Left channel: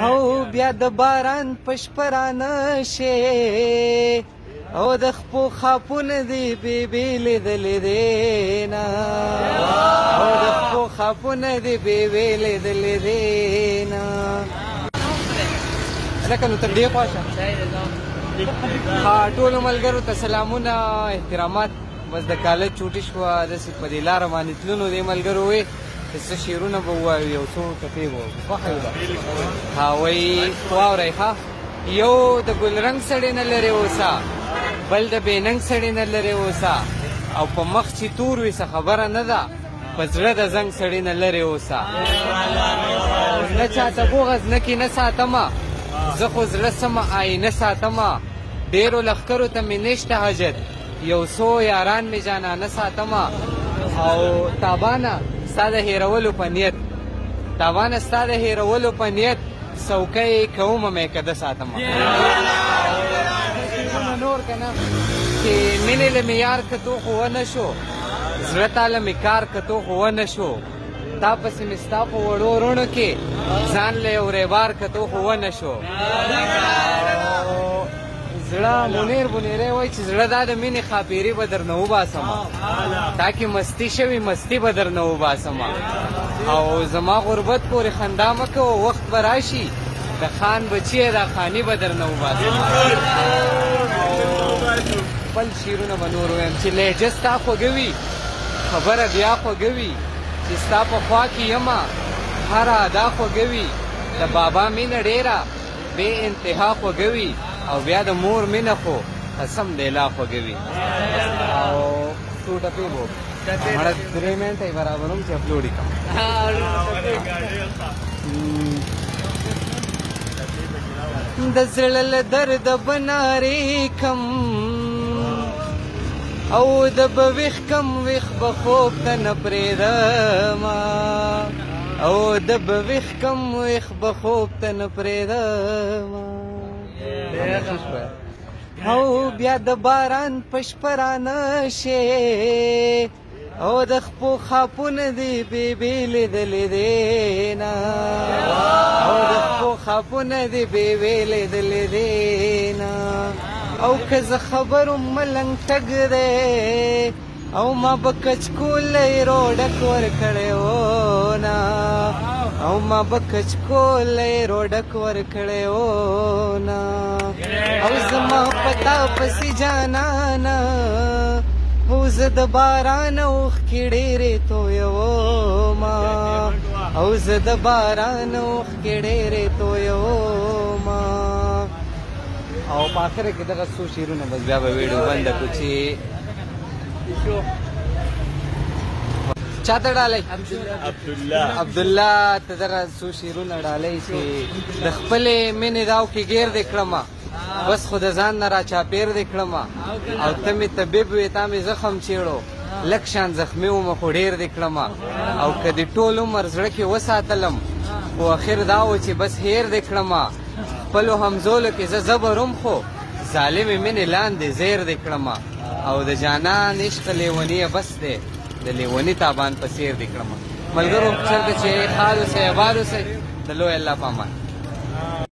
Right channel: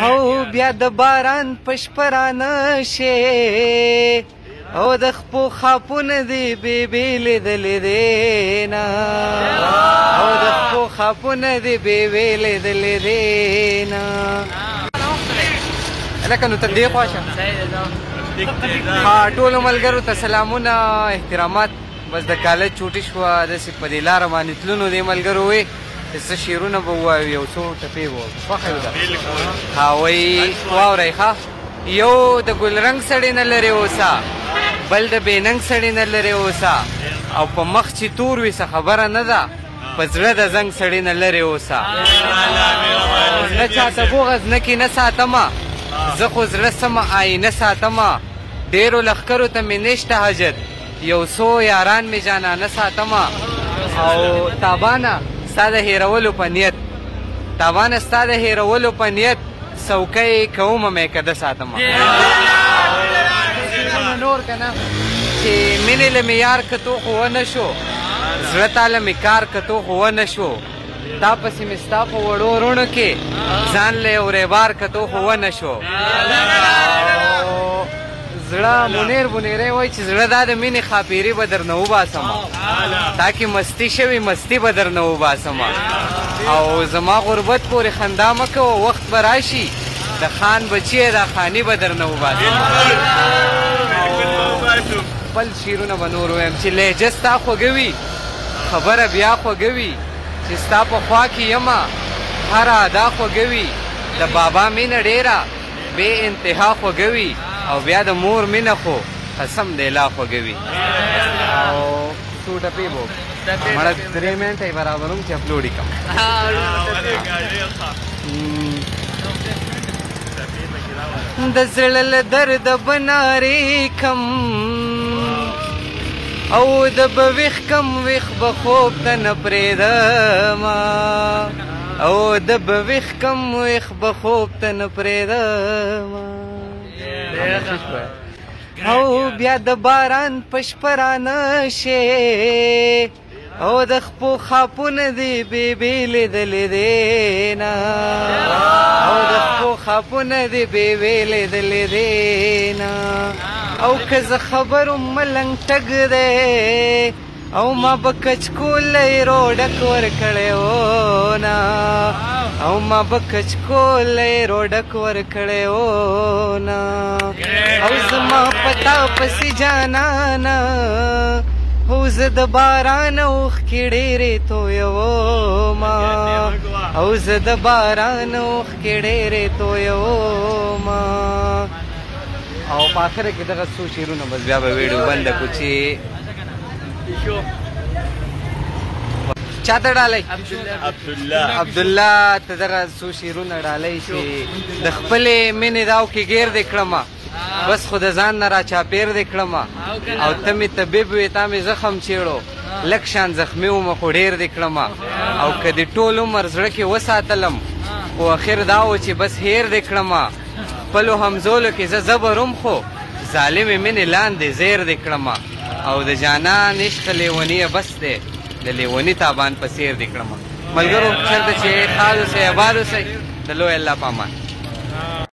او بیا د باران پشپرانه شي او د خپو خاپونه دی بیبي لیدلې دی نه او د خپو خاپونه دی بیبي لیدلې دی نه لکه نو تر دې خوا شه ټولو ملګرو ته سلامونه احترامات بس د کالج چوټي شوه داسې په دې لاره باندې تلونو دې ملګرو وې چې څه شعرونه به ووایو یو څو ټپې به خوښه یو ده وایي واورئ ښه یو د ګلرنګ سړی نه لرې اوسه بل د بېننګ سړی نه لرې اوسه او په مخ چې تور وي څه خبره نه ده په زړه د زنګ سړی نه لرې اوسه نه چاته بوغز نه کې نه ساتمه زه خو زړه سمه آینه ساتمه ډېرو لښکرو ته مې نشته حاجت یو څو یاران مې جانانه ساتمه او تابانه ستا د هېرولو په نیت تابانه ستا د هېرولو په نیت څوکۍ کومه مې کده ساتمه نور که نه چې مینې له مې یار کتو خو ونه شو زړه تا له مې کار کتو خو ونه شو تا پسې مې ستا په وړو وروڼو کې ځان له یو ریبار کتو خو ونه شو زړه منیر بنیری وایي چې زړه دا د مینې خاپیري به درنه وباسمه تاکې مستی شوي مستی به درنه وباسمه او زما غربت پورې خندا مه کوه وخت به راشي د خان بچی دا خاني به درنه وباسم خپل شعرونه به نور ویم چې لهجه ستا خوږه وي خبره بیا خوږه وي چې ستا په خوا کې یمه هره ادا خوږه وي د بابا مینه ډېره بې انتها خوږه وي او بیا د مور مینه خو قسم دی لا خوږه وي او څو ټپې به مړه 3 منټه یې برابروم چې اپلوډ یې کړم د زړه له درده به نارې کم او د به ویښ کم ویښ به خوب ته نه پرېږدمه او د به ویښ کم ویښ به خوب ته نه پرېږدمه او بیا د باران پشپرانه شي او د خپو خاپونه دی بیبي لیدلې دی نه او د خپو خاپونه دی بیبي لیدلې دی نه او که زه خبر ملنګ تګ دی او ما به کچکولی روډک ورکړی و نه او ما به کچکولی روډک ورکړی و نه او زما پتا پسې جانانه او زه د باران اوښکې ډېرې تویومه او زه د باران اوښکې ډېرې تویومه او په آخره کې دغه څو شعرونه بس بیا به ویډیو بنده کړو چې چاته ډالۍ عبدالله ته دغه څو شعرونه ډالۍ چې د خپلې مینې داو کې ګیر دې کړمه بس خو د ځان نه را چاپېر دې کړمه او ته مې طبیب وې تا مې زخم چیړو لږ شان زخمي ومه خو ډېر دې کړمه او که دې ټول عمر زړه کې وساتلم خو اخر دا و چې بس هیر دې کړمه خپلو همزولو کې زه زبرم خو ظالمې مینې لاندې زیر دې کړمه او د جانان عشق لیوني بس دی د لیوني تابان په سیر دې کړمه ملګرو چېرته چې ښاد اوسئ آباد اوسئ د لوی الله په امان